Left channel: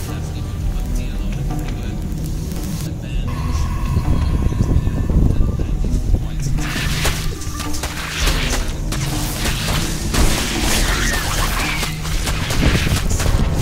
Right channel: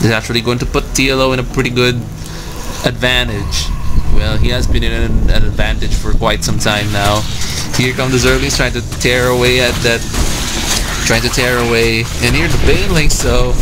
is actually going to put TLO in a pretty good advantage. Well, he has been in an advantage for quite some time now. Here come the Zerglings trying to tear away at that. Trying to tear away. And here's the Banelings, so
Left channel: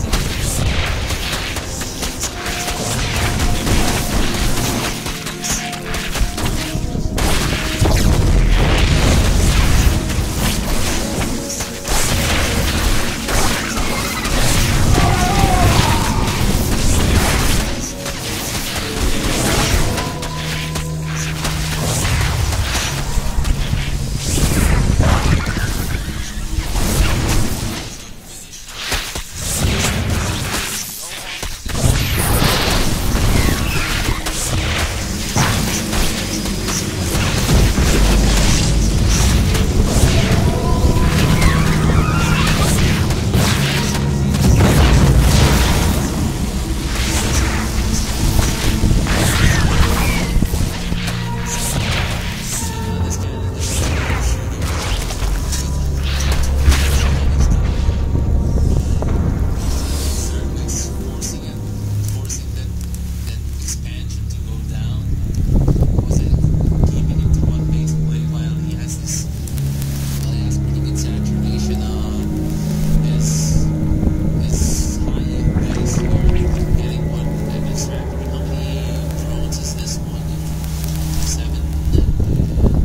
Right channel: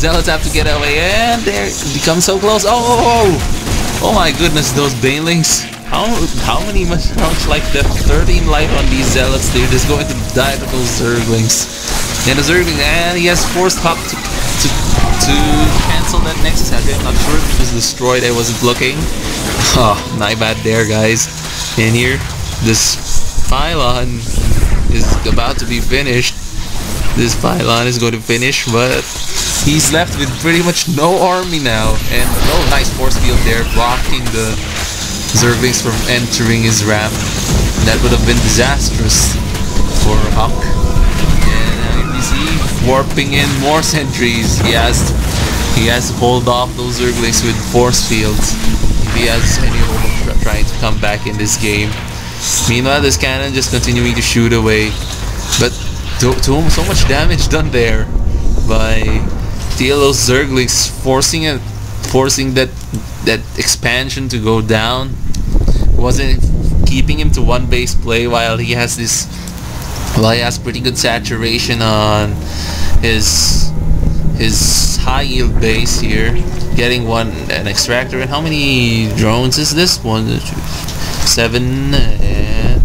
Zealots have to get away. And there it becomes so close. Oh my goodness, those Banelings. How many much life left? 13 life on these Zealots, dude. It's going to die with those Zerglings. And the Zergling, and he has forced HuK to cancel that next attack. I'm sure it was destroyed. I wasn't looking. Oh, not bad there, guys. And here, this pylon is about to be finished. This pylon is going to finish, but he's left with pretty much no army now. And no nice force field there, blocking the Zerglings from entering his ramp. That would have been disastrous for HuK. Warping in more sentries. He has pulled off those Zerglings with force fields. He has trying to come back in this game. Meanwhile, this cannon just continuing to shoot away. But to so much damage done there by TLO's Zerglings, forcing that expansion to go down. Wasn't keeping him to one base play while he has pretty good saturation on his high yield base here, getting an extractor. And how many drones is this? 7 and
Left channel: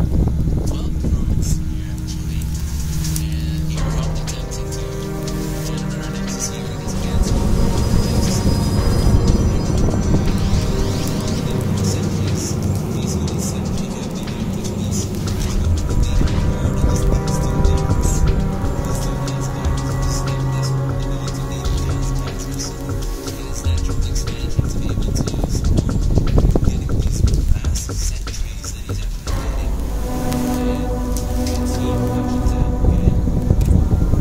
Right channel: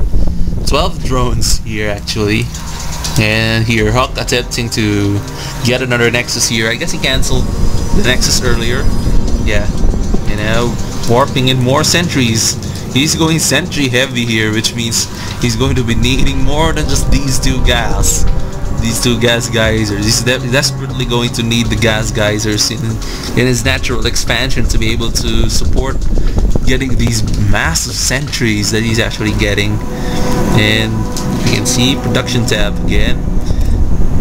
12 drones here actually. And here HuK attempting to get another Nexus here. I guess he cancelled the Nexus earlier. Yeah, you know, warping in more sentries. He's going sentry heavy here, which means he's going to be needing more than just these two gas. These two gas geysers. He's desperately going to need the gas geysers in his natural expansion to be able to support getting these massive sentries that he's actually getting. And you can see production tab again.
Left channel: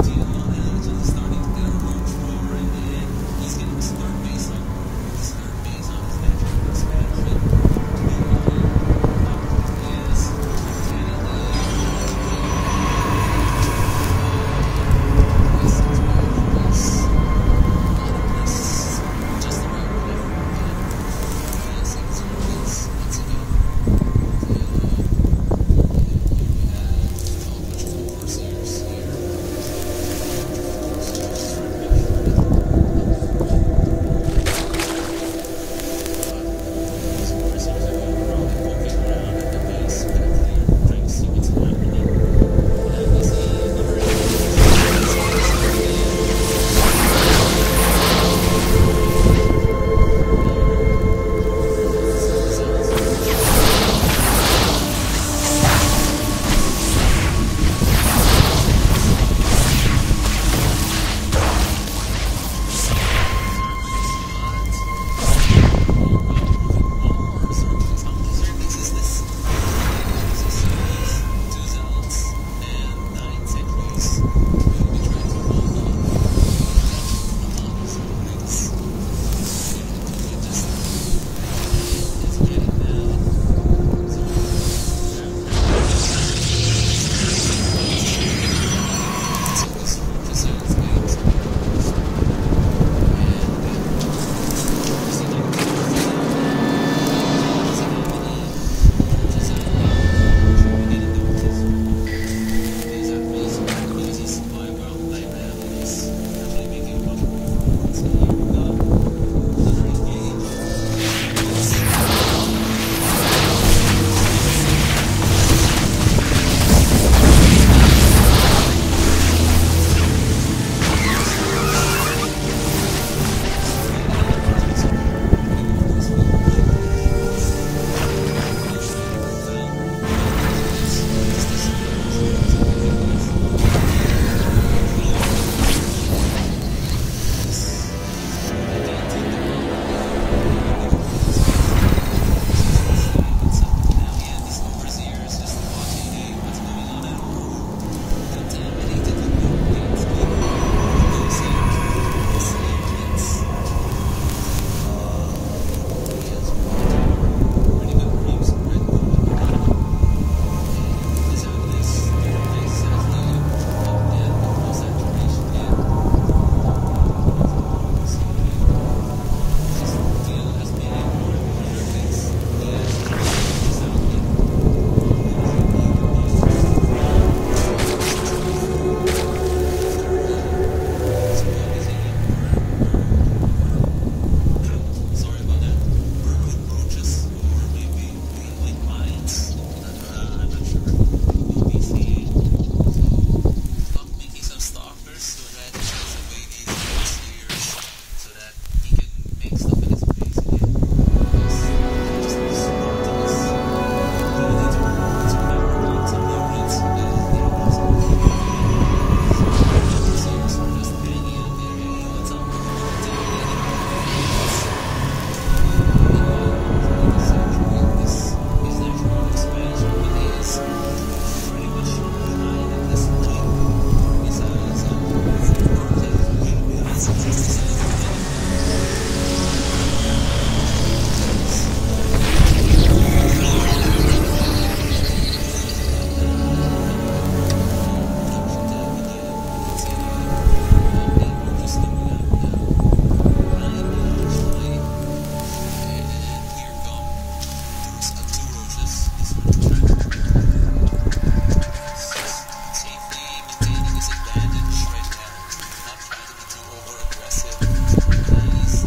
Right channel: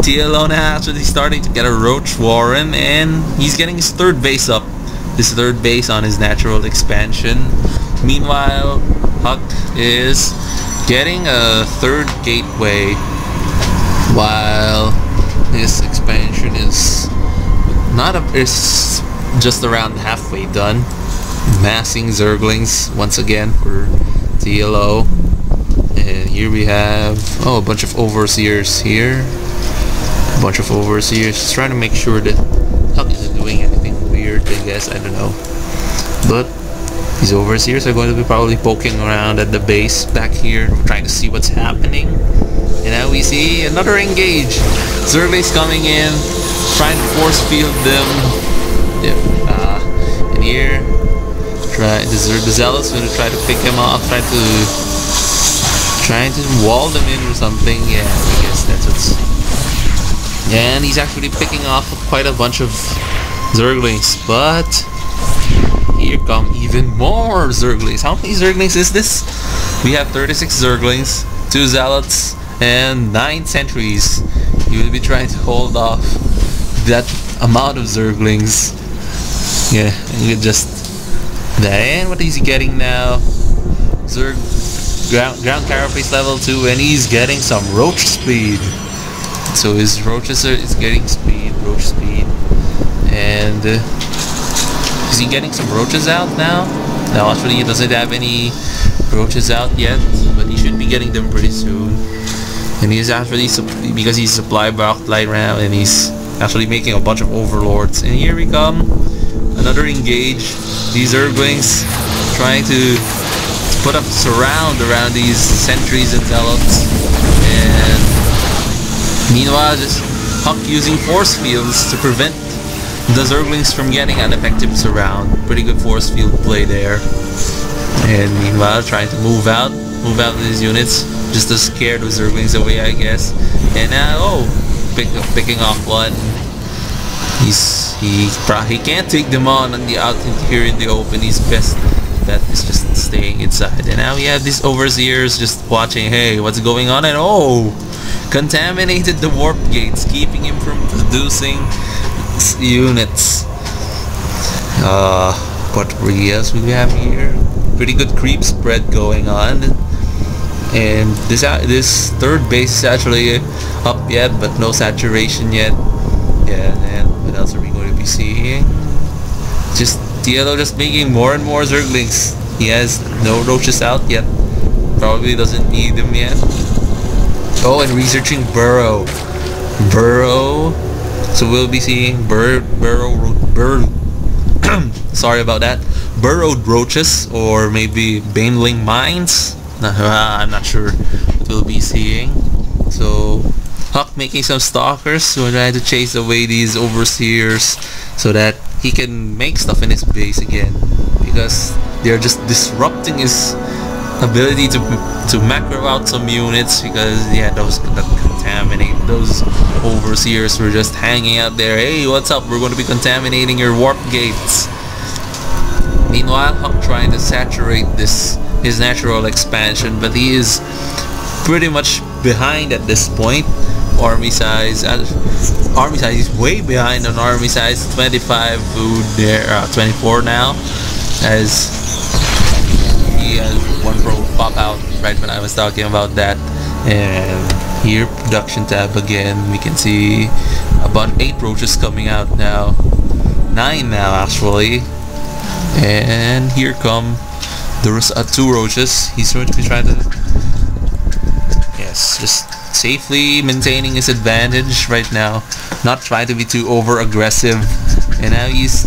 TLO now actually starting to get a roach warren, and he's getting his third base up. His third base on his natural expansion. Meanwhile, HuK is getting a third gateway, while his expansion is is just around halfway done. Massing Zerglings once again for TLO. And here we have a bunch of overseers here. A bunch of overseers, just trying to make sure that HuK isn't doing anything weird, I guess, I don't know. But these overseers are going to be probably poking around at the base back here, trying to see what's happening. And now we see another engage. Zerglings coming in, trying to force field them. And here, the Zealots going to try to pick him off, trying to wall them in or something. And he's actually picking off quite a bunch of Zerglings, but here come even more Zerglings. How many Zerglings is this? We have 36 Zerglings, 2 Zealots, and 9 sentries. You will be trying to hold off that amount of Zerglings. Yeah, you just... And what is he getting now? Ground carapace level 2, and he's getting some roach speed. So his roaches is getting speed, roach speed. And is he getting some roaches out now? No, actually he doesn't have any roaches out yet, but he should be getting them pretty soon. And he's actually, because he's supply blocked light round, and he's actually making a bunch of overlords. And here we come, another engage. These Zerglings trying to put up surround around these sentries and Zealots. And meanwhile, just HuK using force fields to prevent the Zerglings from getting an effective surround. Pretty good force field play there. And meanwhile, trying to move out these units, just to scare the Zerglings away, I guess. And now, picking off one. He can't take them on out here in the open. He's best that is just staying inside. And now we have these overseers just watching. Hey, what's going on? And contaminated the warp gates, keeping him from producing units. What else we have here? Pretty good creep spread going on. And this third base is actually up yet, but no saturation yet. Yeah, and what else are we going to be be seeing? Just TLO just making more and more Zerglings. He has no roaches out yet. Probably doesn't need them yet. Oh, and researching burrow. So we'll be seeing sorry about that. Burrowed roaches, or maybe baneling mines. I'm not sure what we'll be seeing. So HuK making some stalkers to try to chase away these overseers so that he can make stuff in his base again, because they're just disrupting his ability to macro out some units, because yeah, those contaminate, those overseers were just hanging out there. Hey, what's up? We're going to be contaminating your warp gates. Meanwhile, HuK trying to saturate his natural expansion, but he is pretty much behind at this point. Army size is way behind on army size. 25 food there, 24 now, as one pop out right when I was talking about that. And here, production tab again, we can see about 8 roaches coming out now, 9 now actually. And here come there's 2 roaches. He's going to be trying to, yes, just safely maintaining his advantage right now, not trying to be too over aggressive. And now he's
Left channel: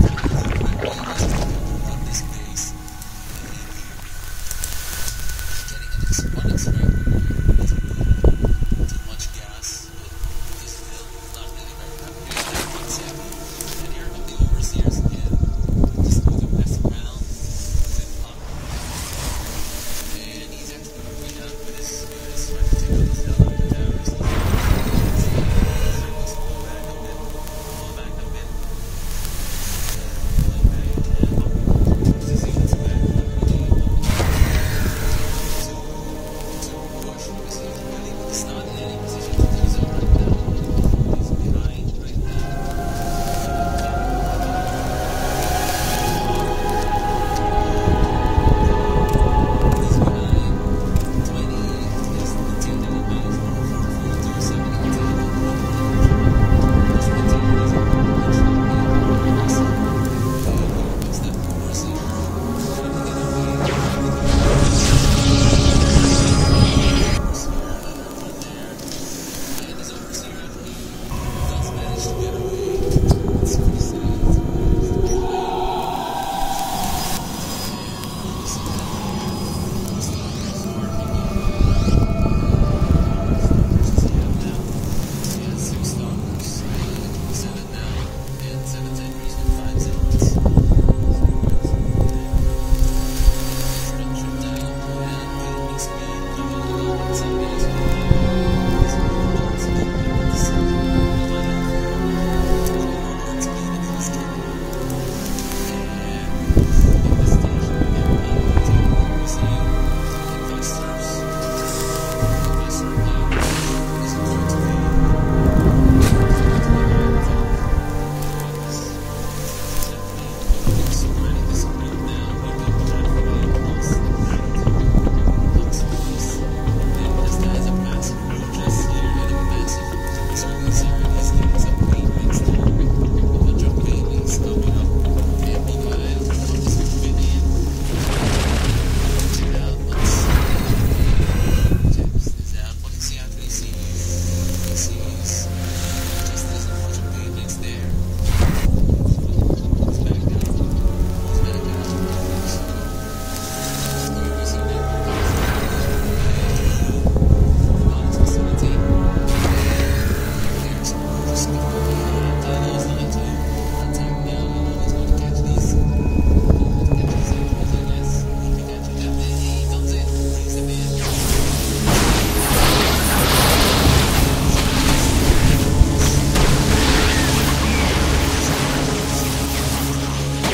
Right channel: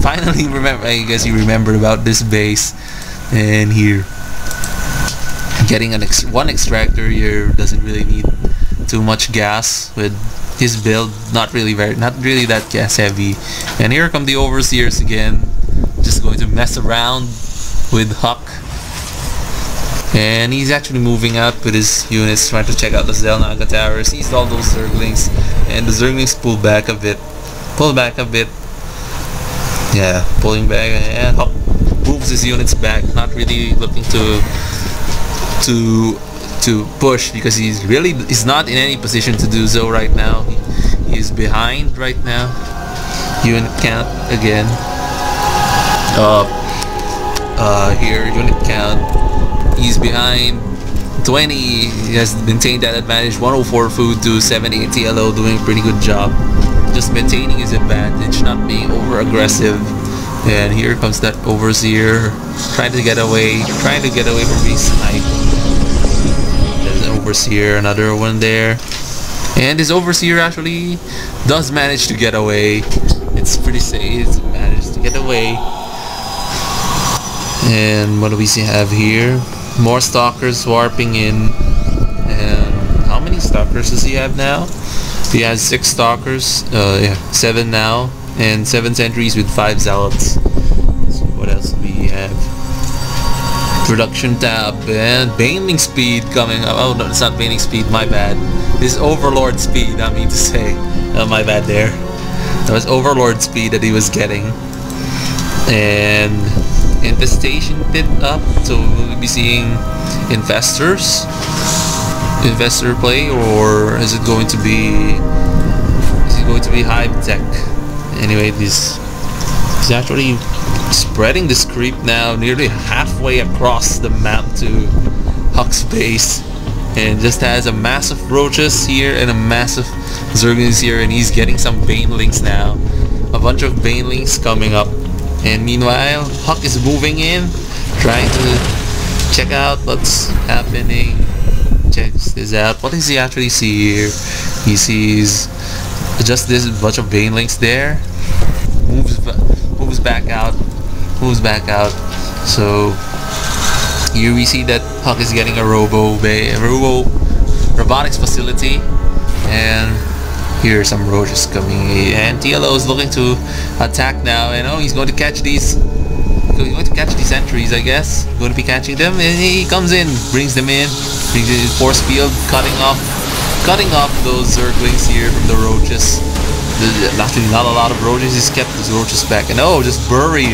finally I guess he remembered about this base. And here, getting one extractor here doesn't really need too much gas with his build. Not really that gas heavy. And here come the overseers again, just going to mess around with HuK. And he's actually moving out with his units, trying to check out the Zelnaga towers. Sees all those Zerglings, and the Zerglings pull back a bit. Yeah, pulling back, and HuK moves his units back, not really looking to push, because he's not in any position to do so right now. He is behind right now. Unit count again. Here, unit count. He's behind 20. He has maintained that advantage. 104 food to 70 TLO, doing a pretty good job. Just maintaining his advantage, not being over aggressive. And here comes that overseer, trying to get away from these snipes. There's an overseer, another one there. And this overseer actually does manage to get away. It's pretty safe. It's managed to get away. And what do we have here? More stalkers warping in. And how many stalkers does he have now? He has 6 stalkers, 7 now, and 7 sentries with 5 zealots. So what else do we have? Production tab and baneling speed coming up. Oh no, it's not baneling speed, my bad. This overlord speed, I mean to say. My bad there. That was overlord speed that he was getting. And infestation pit up, so we'll be seeing investor play, or is it going to be hive tech? Anyway, he's actually spreading this creep now nearly halfway across the map to HuK's base, and just has a massive roaches here and a massive Zerglings here, and he's getting some banelings now, a bunch of banelings coming up. And meanwhile, HuK is moving in, trying to check out what's happening. Checks this out. What does he actually see here? He sees just this bunch of banelings there. Moves back out. So here we see that HuK is getting a robotics facility, and here are some roaches coming in, and TLO is looking to attack now, and he's going to catch these. He's going to catch these entries, I guess. Going to be catching them, and he comes in, brings them in, brings it in force field, cutting off those Zerglings here with the roaches. Actually, not a lot of roaches. He's kept his roaches back, and just burrowing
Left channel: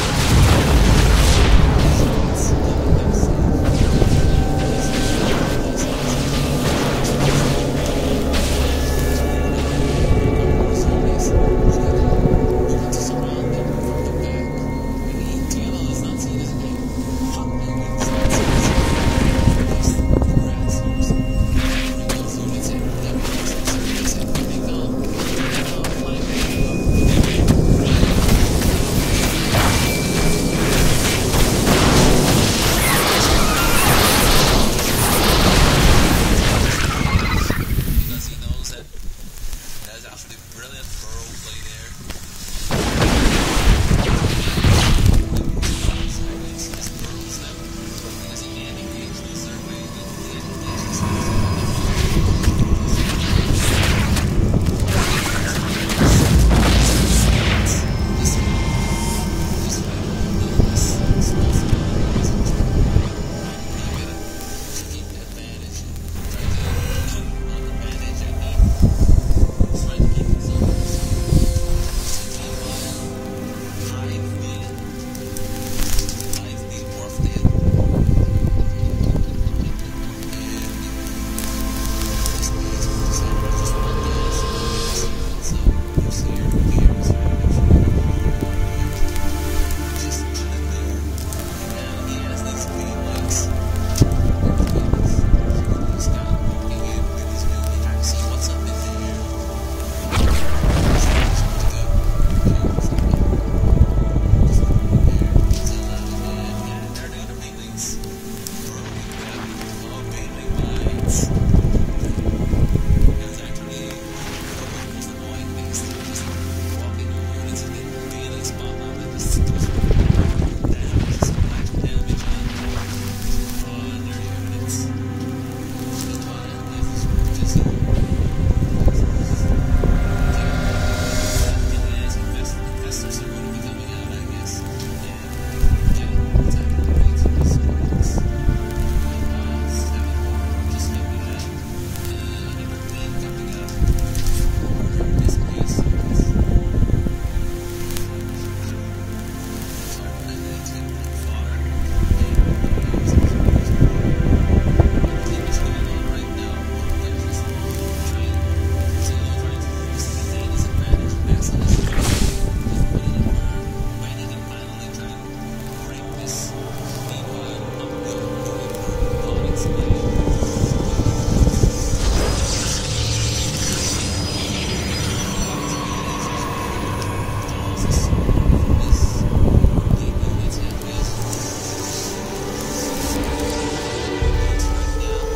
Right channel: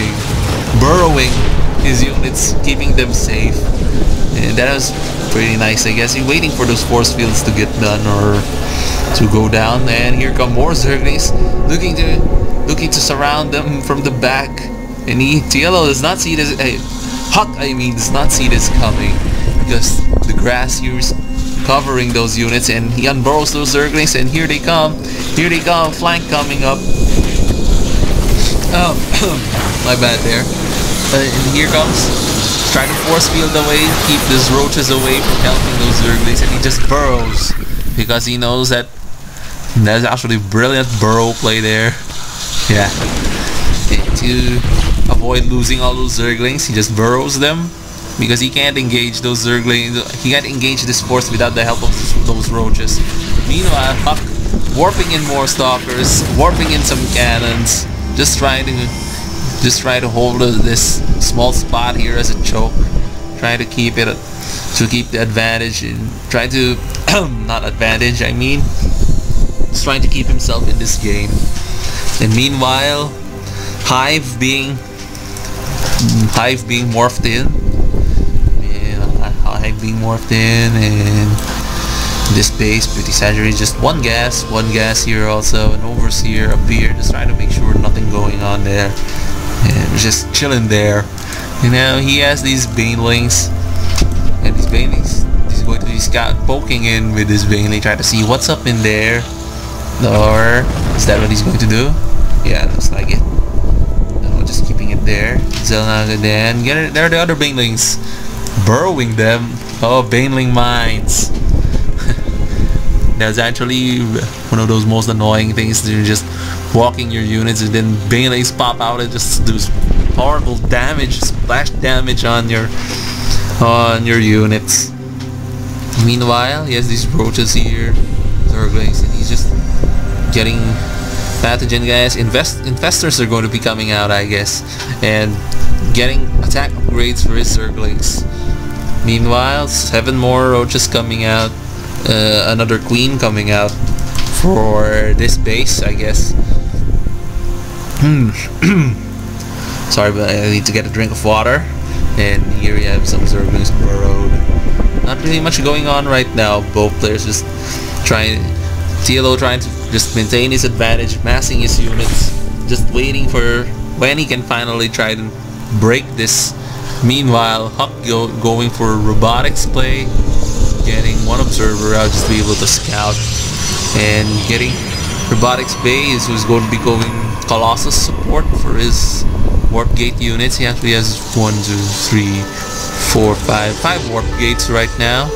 his units, keeping them safe. And that was pretty nice, I guess. He's waiting for those force fields to get done or to go down, and here come more Zerglings looking to surround them from the back. And TLO does not see this. HuK, does not see this coming, because the grass here is covering those units, and he unburrows those Zerglings, and here they come, flank coming up. My bad there. But here comes trying to force field away, keep these roaches away from that Zerglings, and he just burrows because he knows that that's actually brilliant burrow play there. Yeah. To avoid losing all those Zerglings, he just burrows them because he can't engage those Zerglings. He can't engage this force without the help of those roaches. Meanwhile, HuK warping in more stalkers, warping in some cannons, just trying to hold this small spot here as a choke, trying to keep the advantage, and trying to not advantage, I mean, just trying to keep himself in this game. And meanwhile, Hive being morphed in, and this base pretty saturated. Just one gas here also, an overseer up here, just trying to make sure nothing going on there, and just chilling there. You know, he has these banelings, and these banelings, he's going to be poking in with this baneling, try to see what's up in there. Or is that what he's going to do? Yeah, looks like it. No, just keeping it there. Zelnaga then. There are the other banelings, burrowing them. Oh, baneling mines. That's actually one of those most annoying things. You're just walking your units and then banelings pop out and just do horrible damage, splash damage on your units. Meanwhile, he has these roaches here, Zerglings, and he's just getting pathogen guys. Infestors are going to be coming out, I guess, and getting attack upgrades for his Zerglings. Meanwhile, 7 more roaches coming out. Another queen coming out for this base, I guess. Sorry, but I need to get a drink of water. And here we have some Zerglings burrowed. Not really much going on right now. Both players just trying. TLO trying to just maintain his advantage, massing his units, just waiting for when he can finally try to break this. Meanwhile, HuK going for robotics play, getting one observer out just to be able to scout, and getting robotics base, who's going to be going Colossus support for his warp gate units. He actually has 1, 2, 3, 4, 5 warp gates right now.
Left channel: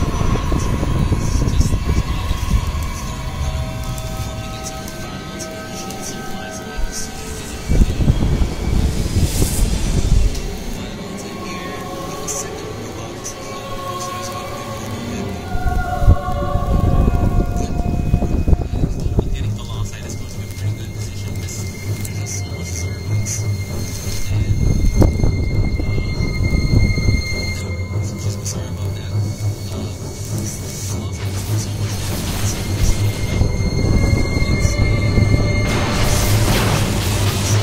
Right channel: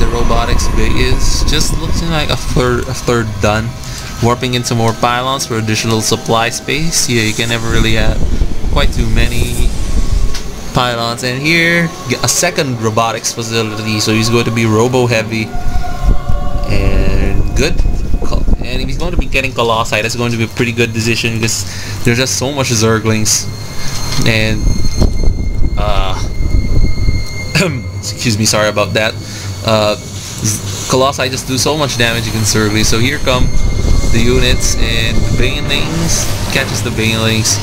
The robotics base is just looking like a third done. Warping in some more pylons for additional supply space. Yeah, you can never really have quite too many pylons. And here, a second robotics facility, so he's going to be robo heavy. And good. And he's going to be getting Colossi. That's going to be a pretty good decision because there's just so much Zerglings. And excuse me, sorry about that. Colossi just do so much damage against Zerglings. So here come the units and the banelings. Catches the banelings.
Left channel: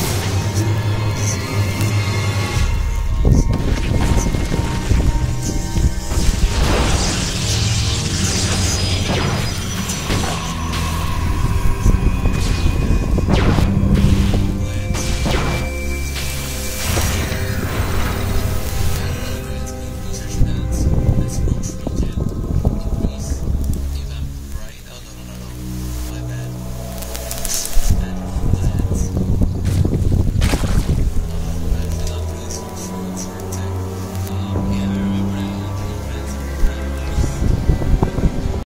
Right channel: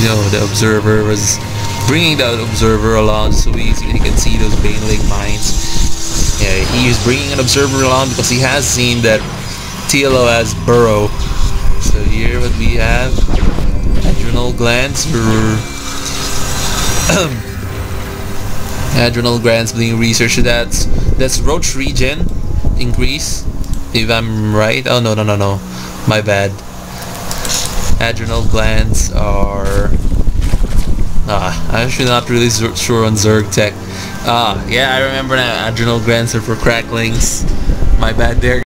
You know, the observer was bringing the observer along so easily you can see those baneling mines. Yeah, he is bringing an observer along because he has seen that TLO has burrow. So here what we have, adrenal glands for adrenal glands being researched. That's roach regen increase, if I'm right. Oh no, my bad. Adrenal glands are I'm actually not really sure on Zerg tech. Yeah, I remember now. Adrenal glands are for cracklings. My bad there.